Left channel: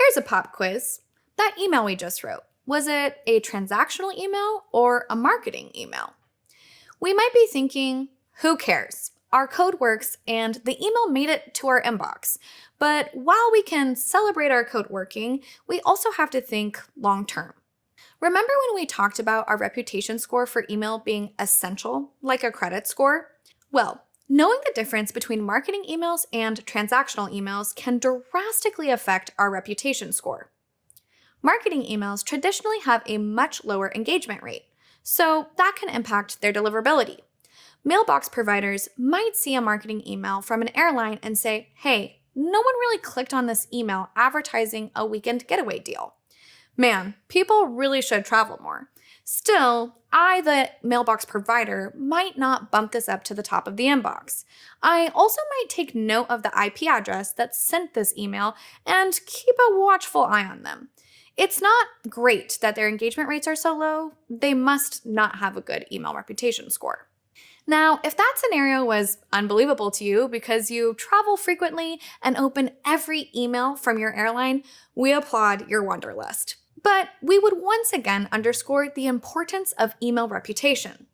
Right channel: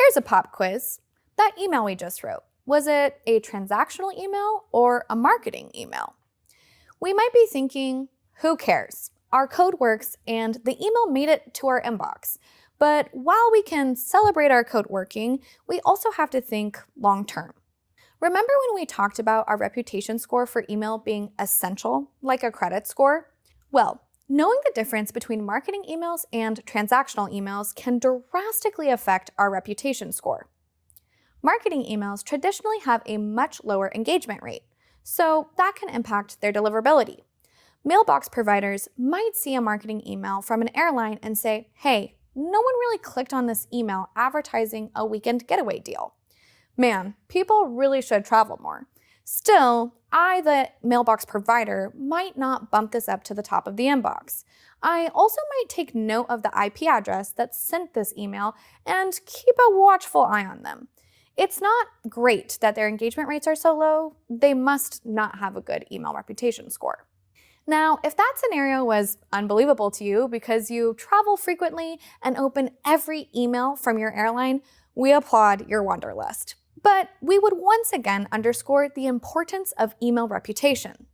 Here's a pop quiz. That email we just wrote, was it a transactional email or a marketing email? We might be thinking, who cares? Our code works and the email made it to our inbox. But while we can celebrate our code working, we also have to think long term. Remember when we talked about our reputation score for email being essential, like a credit score? Well, knowing the difference between marketing emails and transactional emails can drastically affect our reputation score. Marketing emails traditionally have a much lower engagement rate, so that can impact their deliverability. Mailbox providers might see a marketing email from an airline and say, hey, no one really clicked on this email advertising a weekend getaway deal. Man, people really should travel more. Still, I, the mailbox provider, might not bump this up to the top of the inbox. I also might take note of the IP address that sent this email and keep a watchful eye on them. It's not great that their engagement rates are so low. They must not have a good email reputation score. Now, if that scenario was unbelievable to you because you travel frequently and open every email from your airline, we applaud your wanderlust. But we would once again underscore the importance of email reputation.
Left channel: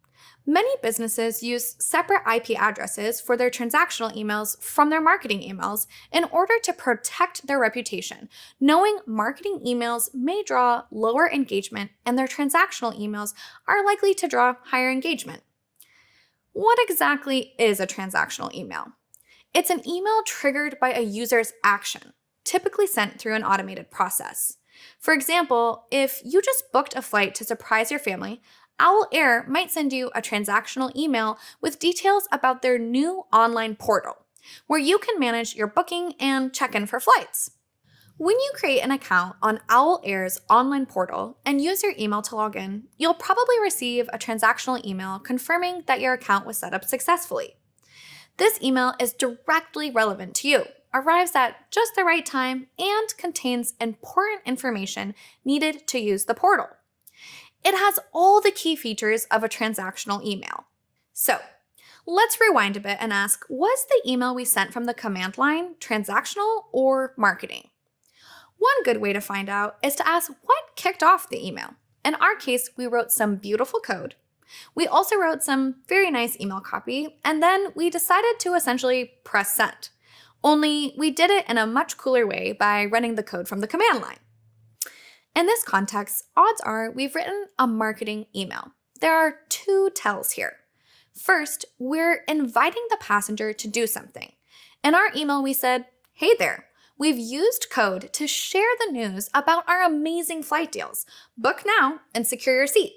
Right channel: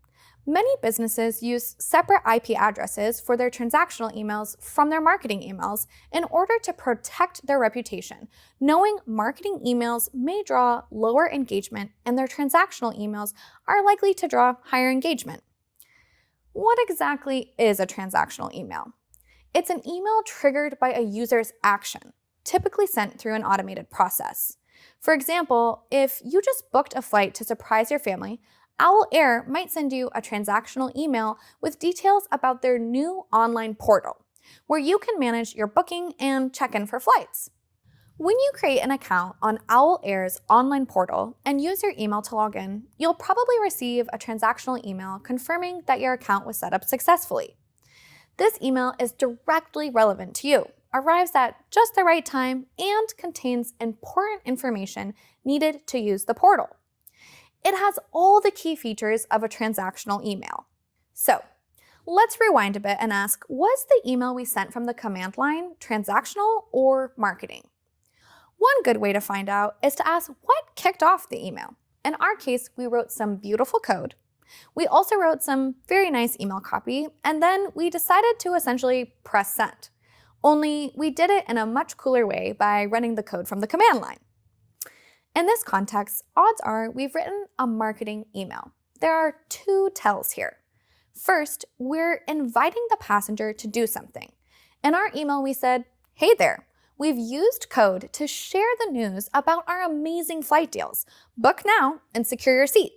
Many businesses use separate IP addresses for their transactional emails from their marketing emails in order to protect their reputation, knowing marketing emails may draw lower engagement and their transactional emails are likely to draw higher engagement. What exactly is a transactional email? It's an email triggered by a user's action, typically sent through an automated process. For example, if you just booked a flight to surprise your family, Owl Air might send you a transactional email with details about their new online portal, where you can manage your booking and check in for flights. When you create an account on Owl Air's online portal and use your email to log in, you'll probably receive a transactional email confirming that your account was set up successfully. This email is directly relevant to you, arrives at just the right time, and contains important information needed to use the portal. It has all the key features of a transactional email. So, let's rewind a bit and ask, was the email we sent from the command line transactional or marketing? One good way to find out is to ask what kicked off the email. In our case, we wrote some beautiful code. We also wrote some very nice email copy, and then we decided to essentially press send. Only we did it in a much cooler way by running the code from the command line. In this context, odds are we've written a marketing email. There are two tells here. First, we're inviting the passenger to do something. In our email, we said, hey there, we've used code to share the news about our amazing flight deals. Book now and secure your seat.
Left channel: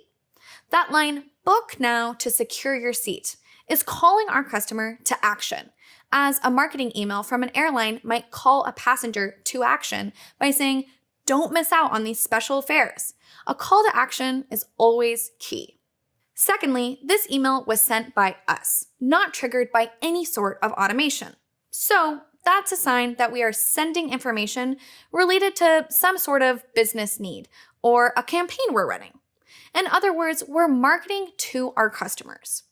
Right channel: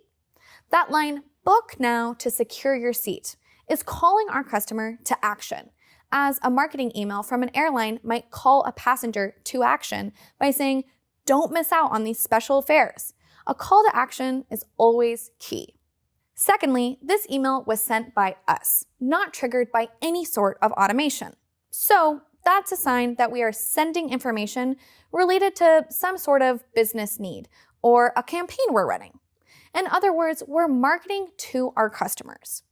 That line, book now to secure your seat, is calling our customer to action, as a marketing email from an airline might call a passenger to action by saying, don't miss out on these special fares. A call to action is always key. Secondly, this email was sent by us, not triggered by any sort of automation. So that's a sign that we are sending information related to some sort of business need or a campaign we're running. In other words, we're marketing to our customers.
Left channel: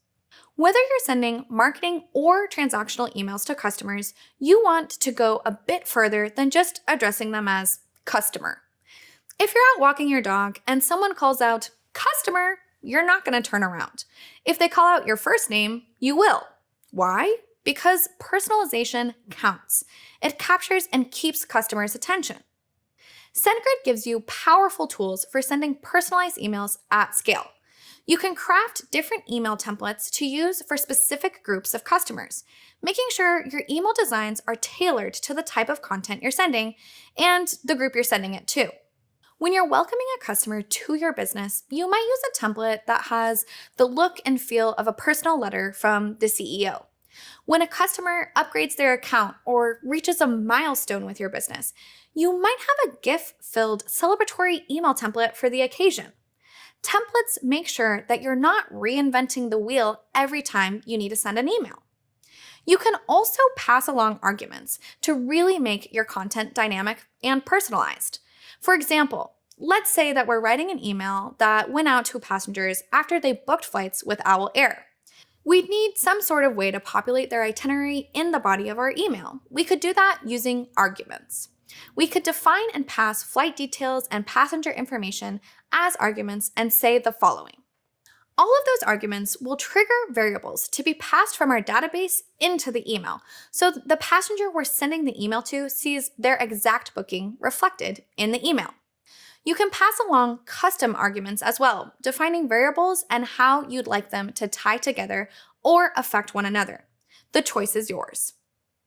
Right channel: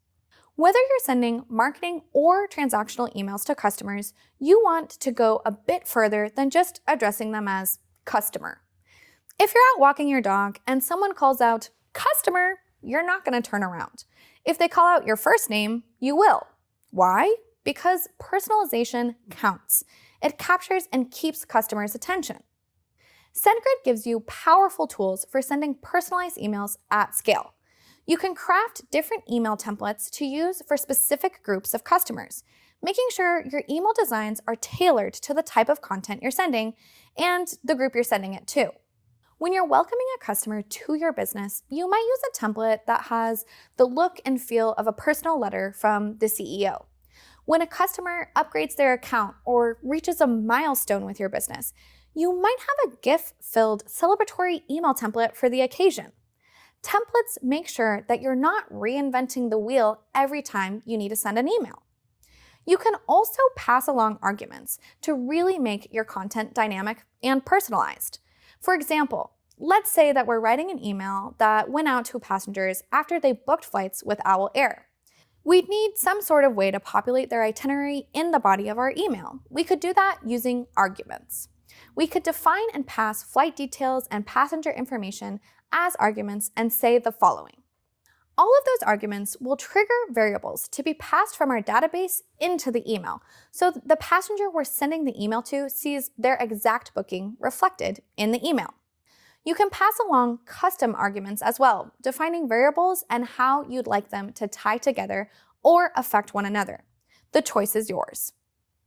Whether you're sending marketing or transactional emails to customers, you want to go a bit further than just addressing them as customer. If you're out walking your dog and someone calls out, customer, you're not going to turn around. If they call out your first name, you will. Why? Because personalization counts. It captures and keeps customers' attention. SendGrid gives you powerful tools for sending personalized emails at scale. You can craft different email templates to use for specific groups of customers, making sure your email designs are tailored to the type of content you're sending and the group you're sending it to. When you're welcoming a customer to your business, you might use a template that has the look and feel of a personal letter from the CEO. When a customer upgrades their account or reaches a milestone with your business, you might have a GIF-filled celebratory email template for the occasion. Templates make sure that you're not reinventing the wheel every time you need to send an email. You can also pass along arguments to really make your content dynamic and personalized. For example, let's say that we're writing an email that went out to passengers after they booked flights with Owl Air. We'd need some sort of way to populate their itinerary in the body of our email. We could do that using arguments. We could define and pass flight details and passenger information as arguments and say the following. All of those arguments will trigger variables to be passed from our database into the email, so the passenger we're sending the email to sees their exact booking reflected in the email. You can pass along custom arguments as well, defining variables and how you'd like them to tie together or affect one another. The choice is yours.